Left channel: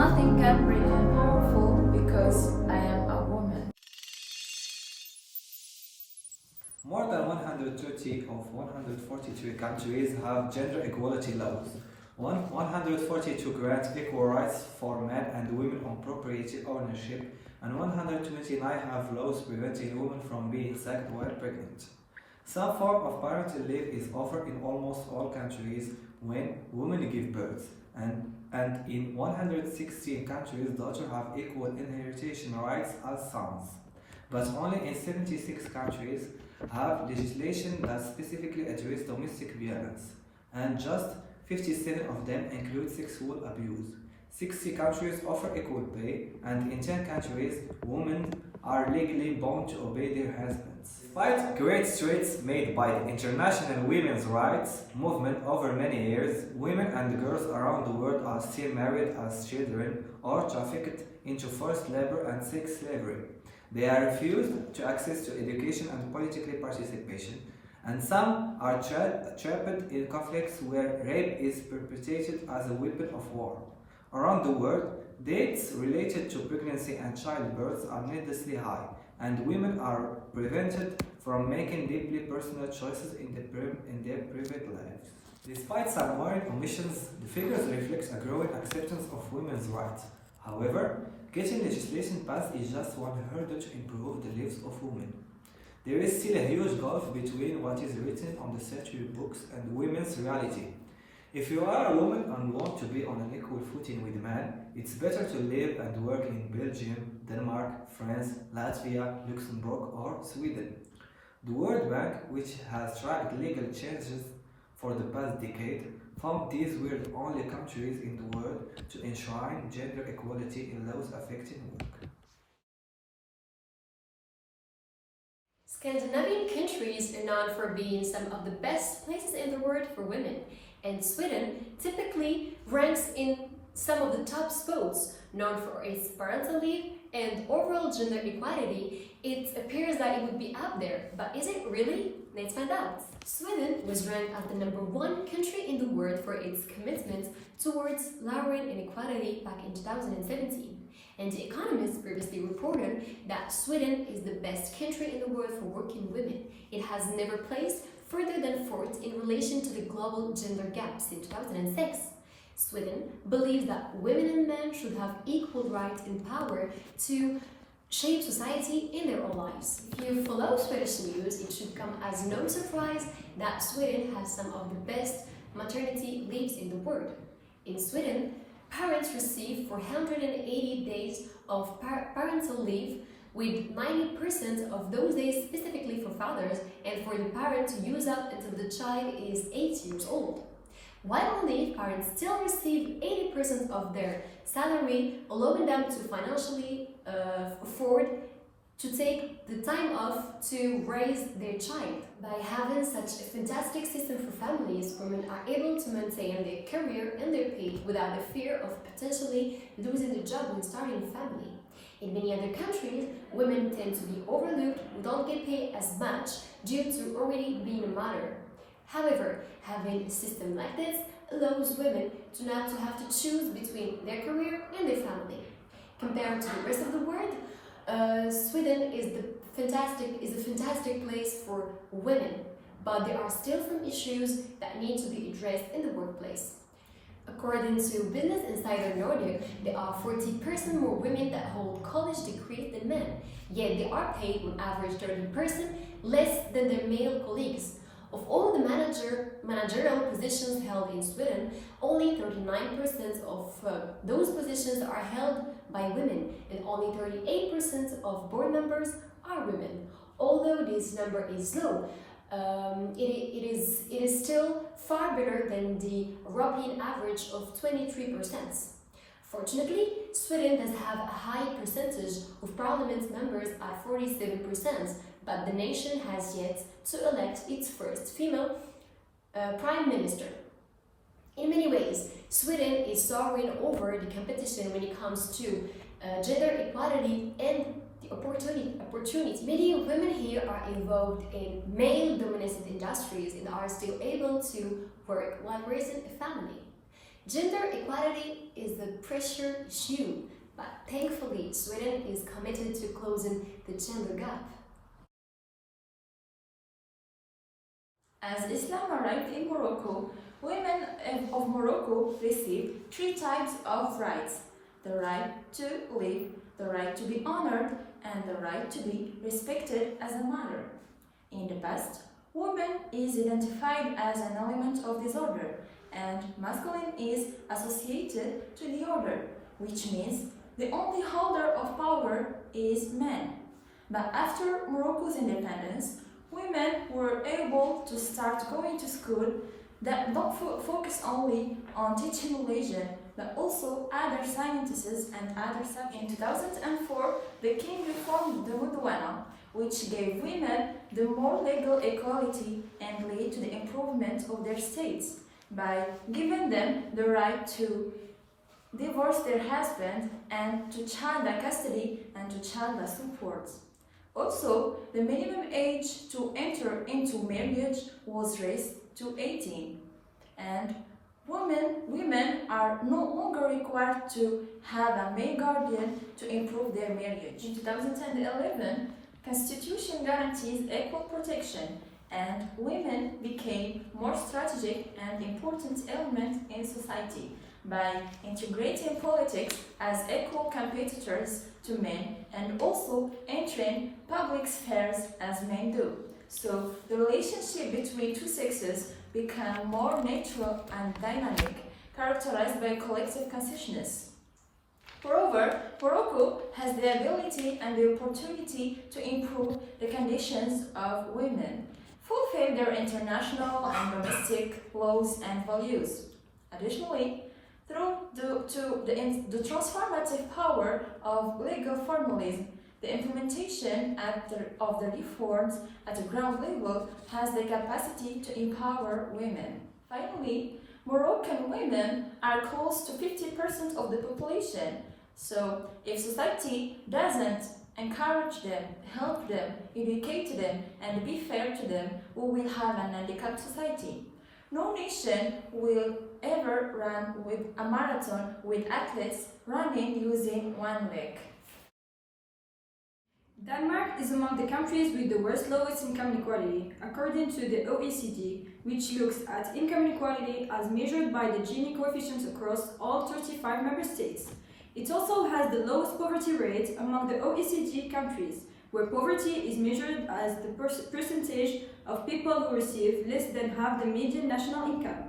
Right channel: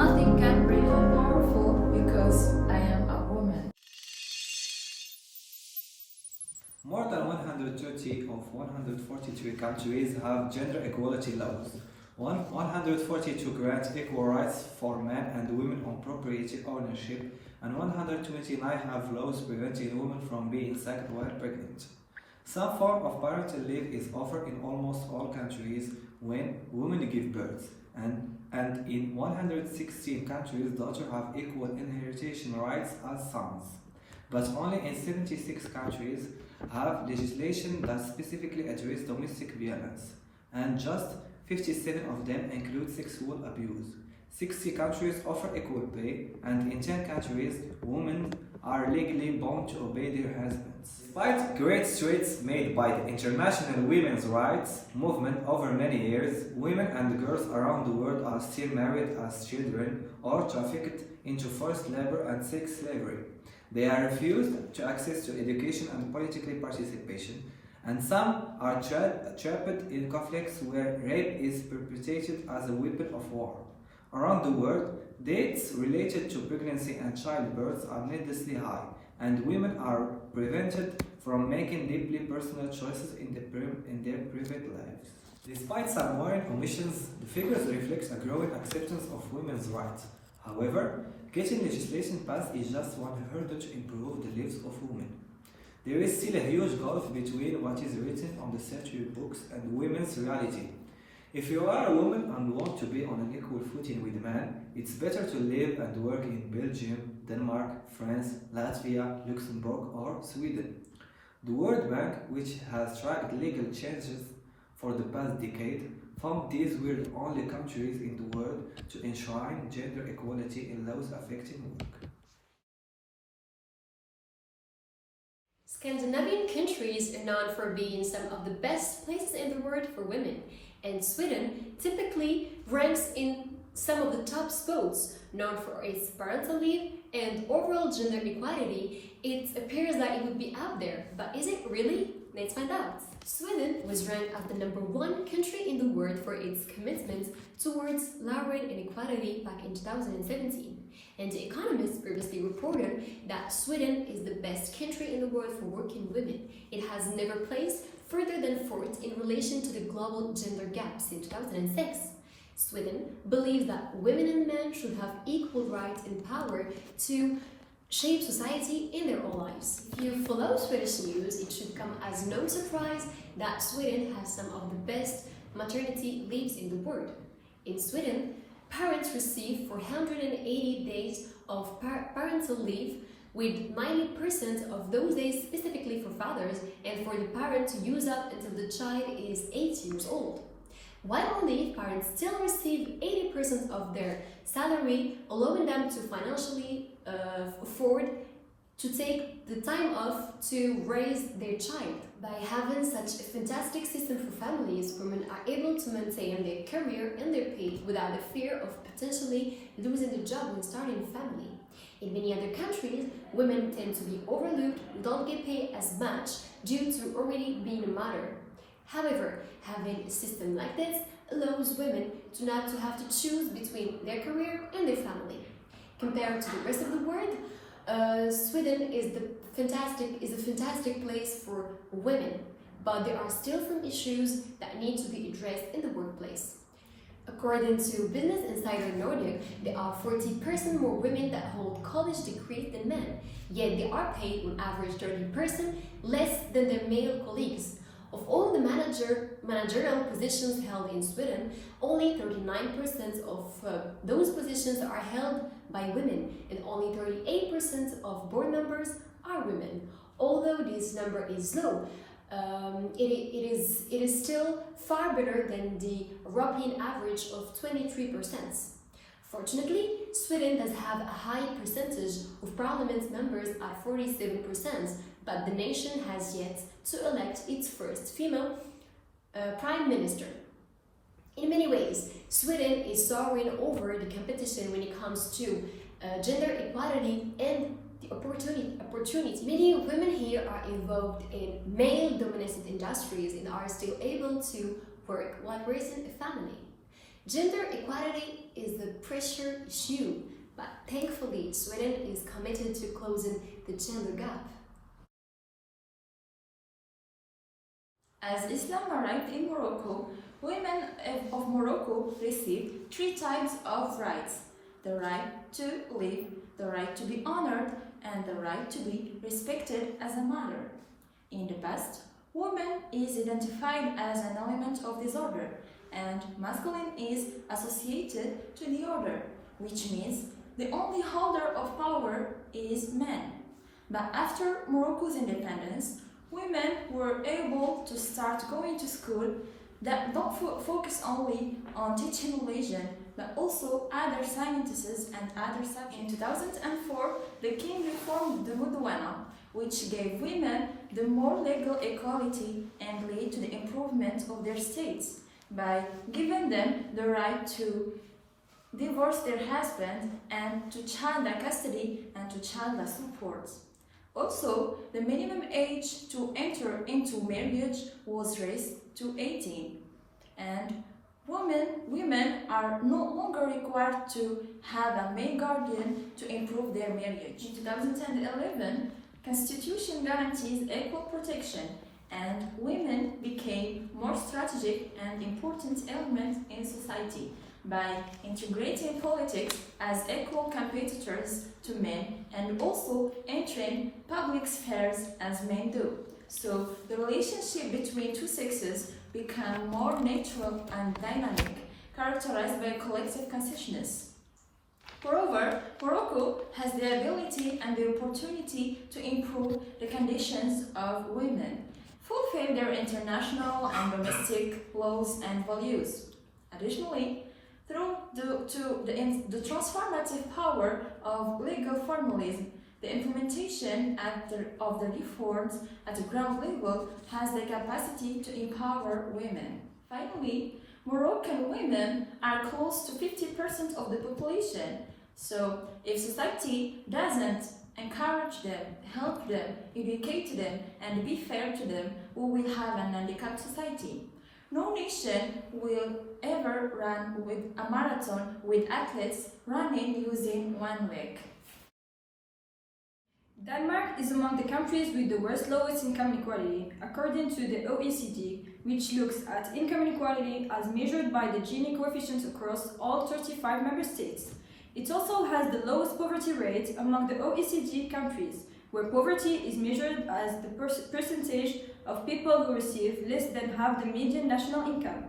nothing can bring him powerful because I am a woman. More than 130 of 143 countries have gender equality laws. 142 grant equal rights for men and women on property ownership, and 129 have laws preventing women from being sacked while pregnant. Some form of parental leave is offered in almost all countries when women give birth, and in 116 countries daughters have equal inheritance rights as sons. But only in 76 countries have legislation that specifically address domestic violence, and just 57 of them include sexual abuse. 60 countries offer equal pay, and in 10 countries, women are legally bound to obey their husbands. Despite great strides made by the international women's rights movement over many years, women and girls around the world are still married as children or trafficked into forced labor and sex slavery. They are refused to access to education and political participation, and some are trapped in conflicts where rape is perpetrated as a weapon of war. Around the world, deaths related to pregnancy and childbirth are needlessly high, and women are prevented from making deeply personal choices in their private lives. Despite some worrying omissions, the figures reflect a growing acceptance of women's rights. However, getting legislation passed is just one hurdle to improve the lives of women. There is still a huge gulf between what is written on the statute books and women's reality. If you are a woman and want to be on an equal footing with men, it's better to live and work in Belgium, Denmark, France, Latvia, Luxembourg, or Sweden. The World Bank, which has tracked legal changes for the past decade, found these were the only countries in the world to enshrine gender equality in laws affecting work. Scandinavian countries are known for being some of the best places in the world for women, and Sweden typically ranks in some of the top spots. Known for its parental leave and overall gender equality, it appears that it would be up there, but is it really? Let's find out. Sweden was ranked as the #1 country in the world for its commitment towards lowering inequality back in 2017. And The Economist previously reported that Sweden is the best country in the world for working women. It has never placed further than 4th in relation to the global gender gap since 2006. Sweden believes that women and men should have equal rights and power to shape society in their own lives. If you follow Swedish news, it should come as no surprise that Sweden has some of the best maternity leaves in the world. In Sweden, parents receive 480 days of parental leave, with 90% of those days specifically for fathers and for the parent to use up until the child is 8 years old. While on leave, parents still receive 80% of their salary, allowing them to financially afford to take the time off to raise their child. By having such a fantastic system for families, women are able to maintain their career and their pay without the fear of potentially losing the job when starting a family. In many other countries, women tend to be overlooked, who don't get paid as much due to already being a mother. However, having a system like this allows women to not to have to choose between their career and their family. Compared to the rest of the world, Sweden is a fantastic place for women, but there are still some issues that need to be addressed in the workplace. According to Business Insider Nordic, there are 40% more women that hold college degrees than men, yet they are paid on average 30% less than their male colleagues. Of all the managerial positions held in Sweden, only 39% of those positions are held by women, and only 38% of board members are women. Although this number is low, it is still far better than the European average of 23%. Fortunately, Sweden does have a high percentage of parliament members at 47%, but the nation has yet to elect its first female prime minister. In many ways, Sweden is soaring over the competition when it comes to gender equality and the opportunity. Many women here are involved in male-dominated industries and are still able to work while raising a family. Gender equality is a pressure issue, but thankfully Sweden is committed to closing the gender gap. As Islam arrived in Morocco, women of Morocco received three types of rights: the right to live, the right to be honored, and the right to be respected as a mother. In the past, woman is identified as an element of this order, and masculine is associated to the order, which means the only holder of power is man. But after Morocco's independence, women were able to start going to school that don't focus only on teaching religion, but also other sciences and other subjects. In 2004, the king reformed the Mudwana, which gave women the more legal equality and led to the improvement of their states by giving them the right to divorce their husband and to child custody and to child support. Also, the minimum age to enter into marriage was raised to 18, and women are no longer required to have a male guardian to improve their marriage. In 2011, Constitution guarantees equal protection, and women became more strategic and important element in society by integrating politics as equal competitors to men and also entering public spheres as men do. So the relationship between two sexes became more natural and dynamic, characterized by collective consciousness. Moreover, Morocco has the ability and the opportunity to improve the conditions of women, fulfill their international and domestic laws and values. Additionally, through the transformative power of legal formalism, the implementation of the reforms at the ground level has the capacity to empower women. Finally, Moroccan women are close to 50% of the population. So, if society doesn't encourage them, help them, educate them, and be fair to them, we will have an handicapped society. No nation will ever run with a marathon with athletes running using one leg. Denmark is among the countries with the worst lowest income inequality, according to the OECD, which looks at income inequality as measured by the Gini coefficients across all 35 member states. It also has the lowest poverty rate among the OECD countries, where poverty is measured as the percentage of people who receive less than half the median national income.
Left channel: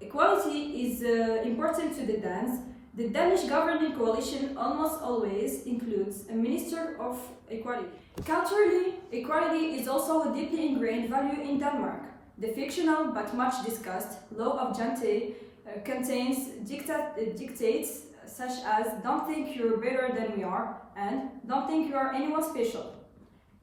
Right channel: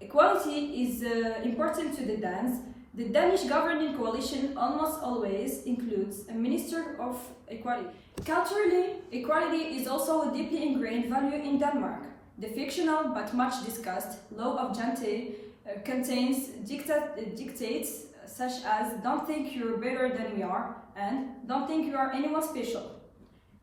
Equality is important to the Danes. The Danish governing coalition almost always includes a Minister of Equality. Culturally, equality is also a deeply ingrained value in Denmark. The fictional but much discussed law of Jante contains dictates such as "don't think you're better than we are" and "don't think you are anyone special."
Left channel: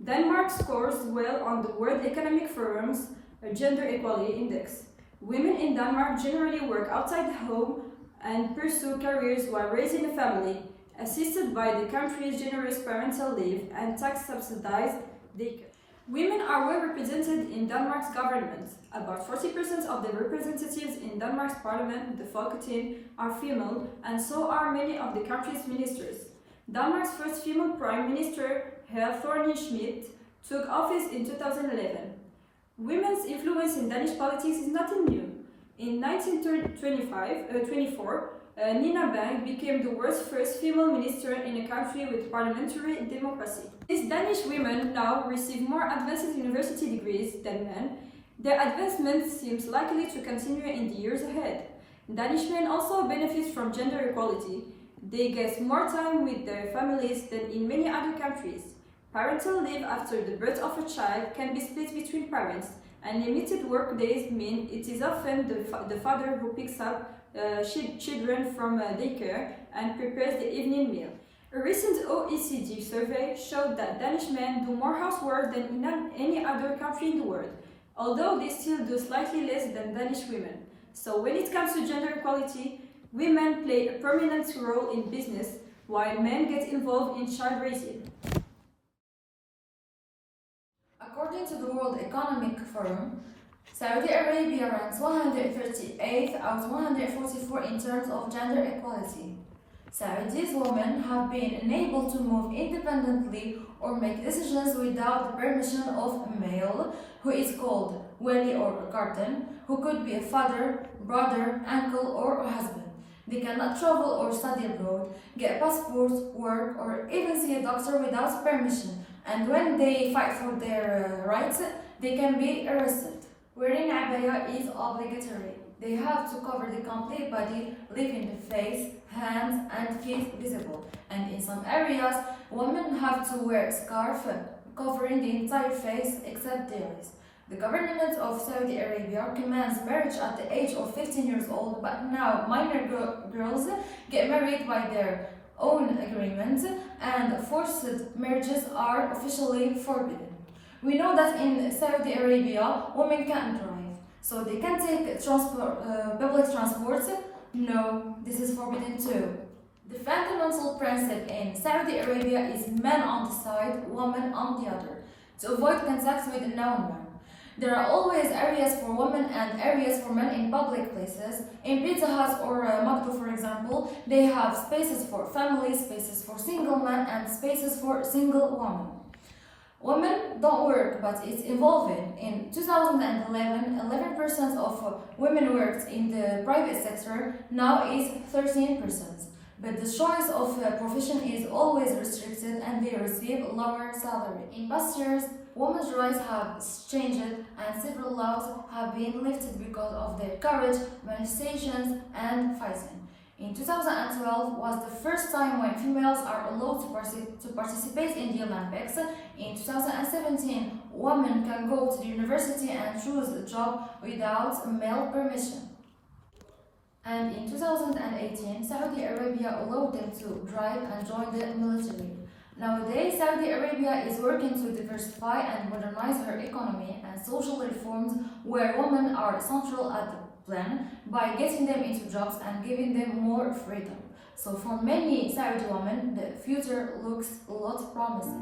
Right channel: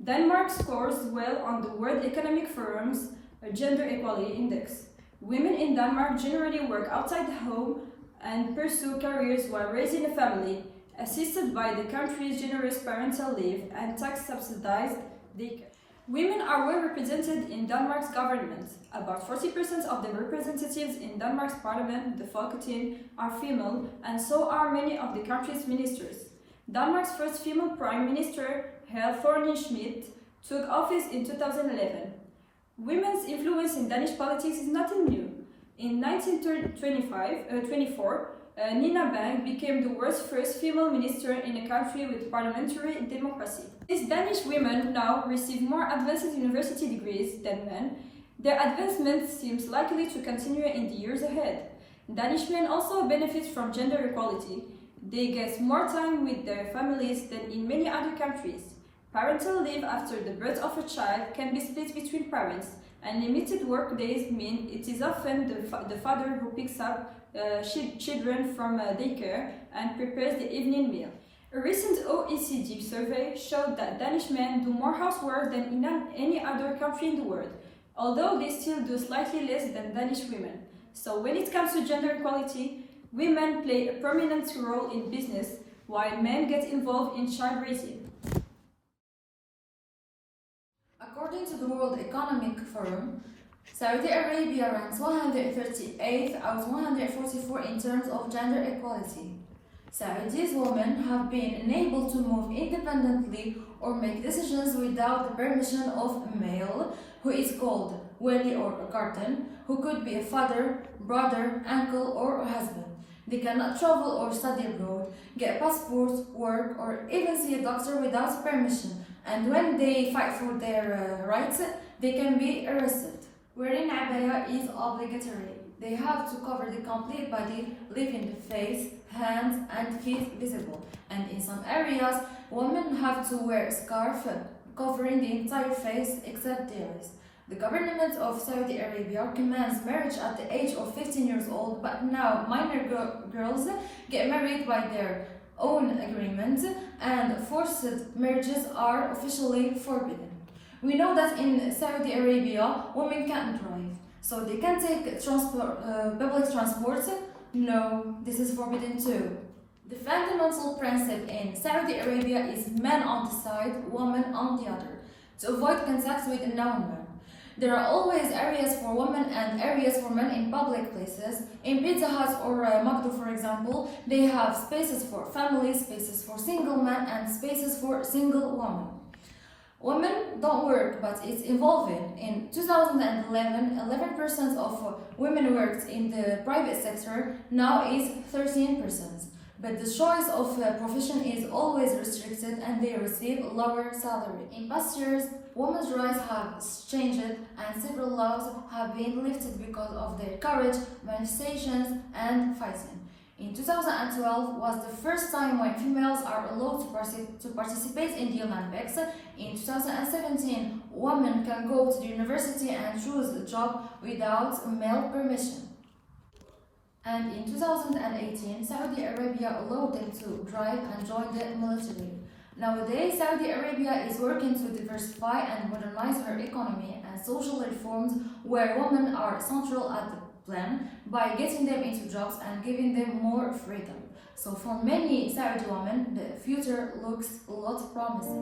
Denmark scores well on the World Economic Forum's Gender Equality Index. Women in Denmark generally work outside the home and pursue careers while raising a family, assisted by the country's generous parental leave and tax-subsidized daycare. Women are well represented in Denmark's government. About 40% of the representatives in Denmark's parliament, the Folketing, are female, and so are many of the country's ministers. Denmark's first female prime minister, Helle Thorning-Schmidt, took office in 2011. Women's influence in Danish politics is nothing new. In 1924, Nina Bang became the world's first female minister in a country with parliamentary democracy. These Danish women now receive more advanced university degrees than men. Their advancement seems likely to continue in the years ahead. Danish men also benefit from gender equality. They get more time with their families than in many other countries. Parental leave after the birth of a child can be split between parents, and limited work days mean it is often the father who picks up children from daycare and prepares the evening meal. A recent OECD survey showed that Danish men do more housework than in any other country in the world, although they still do slightly less than Danish women. So when it comes to gender equality, women play a prominent role in business, while men get involved in child raising. According to the World Economic Forum, Saudi Arabia ranks 138th out of 144 in terms of gender equality. Saudi's women have been enabled to move independently or make decisions without the permission of a male, who is called wali or guardian, who could be a father, brother, uncle, or a husband. They cannot travel or study abroad, get passports, work, or even see a doctor without permission. And when they fight for their rights, they can be arrested. Wearing abaya is obligatory. They have to cover the complete body, leaving the face, hands, and feet visible. And in some areas, women have to wear a scarf covering the entire face except the ears. The government of Saudi Arabia commands marriage at the age of 15 years old, but now minor girls get married by their own agreement, and forced marriages are officially forbidden. We know that in Saudi Arabia, women can't drive, so they can take public transport. No, this is forbidden too. The fundamental principle in Saudi Arabia is man on the side, woman on the other, to avoid contact with a non-man. There are always areas for women and areas for men in public places. In Pizza Hut or Magdo, for example, they have spaces for families, spaces for single men, and spaces for single women. Women don't work, but it's evolving. In 2011, 11% of women worked in the private sector, now is 13%. But the choice of profession is always restricted and they receive lower salary. In past years, women's rights have changed and several laws have been lifted because of their courage, manifestations, and fighting. In 2012 was the first time when females are allowed to participate in the Olympics. In 2017, women can go to the university and choose a job without male permission. And in 2018, Saudi Arabia allowed them to drive and join the military. Nowadays, Saudi Arabia is working to diversify and modernize her economy and social reforms where women are central at the plan by getting them into jobs and giving them more freedom. So for many Saudi women, the future looks a lot promising.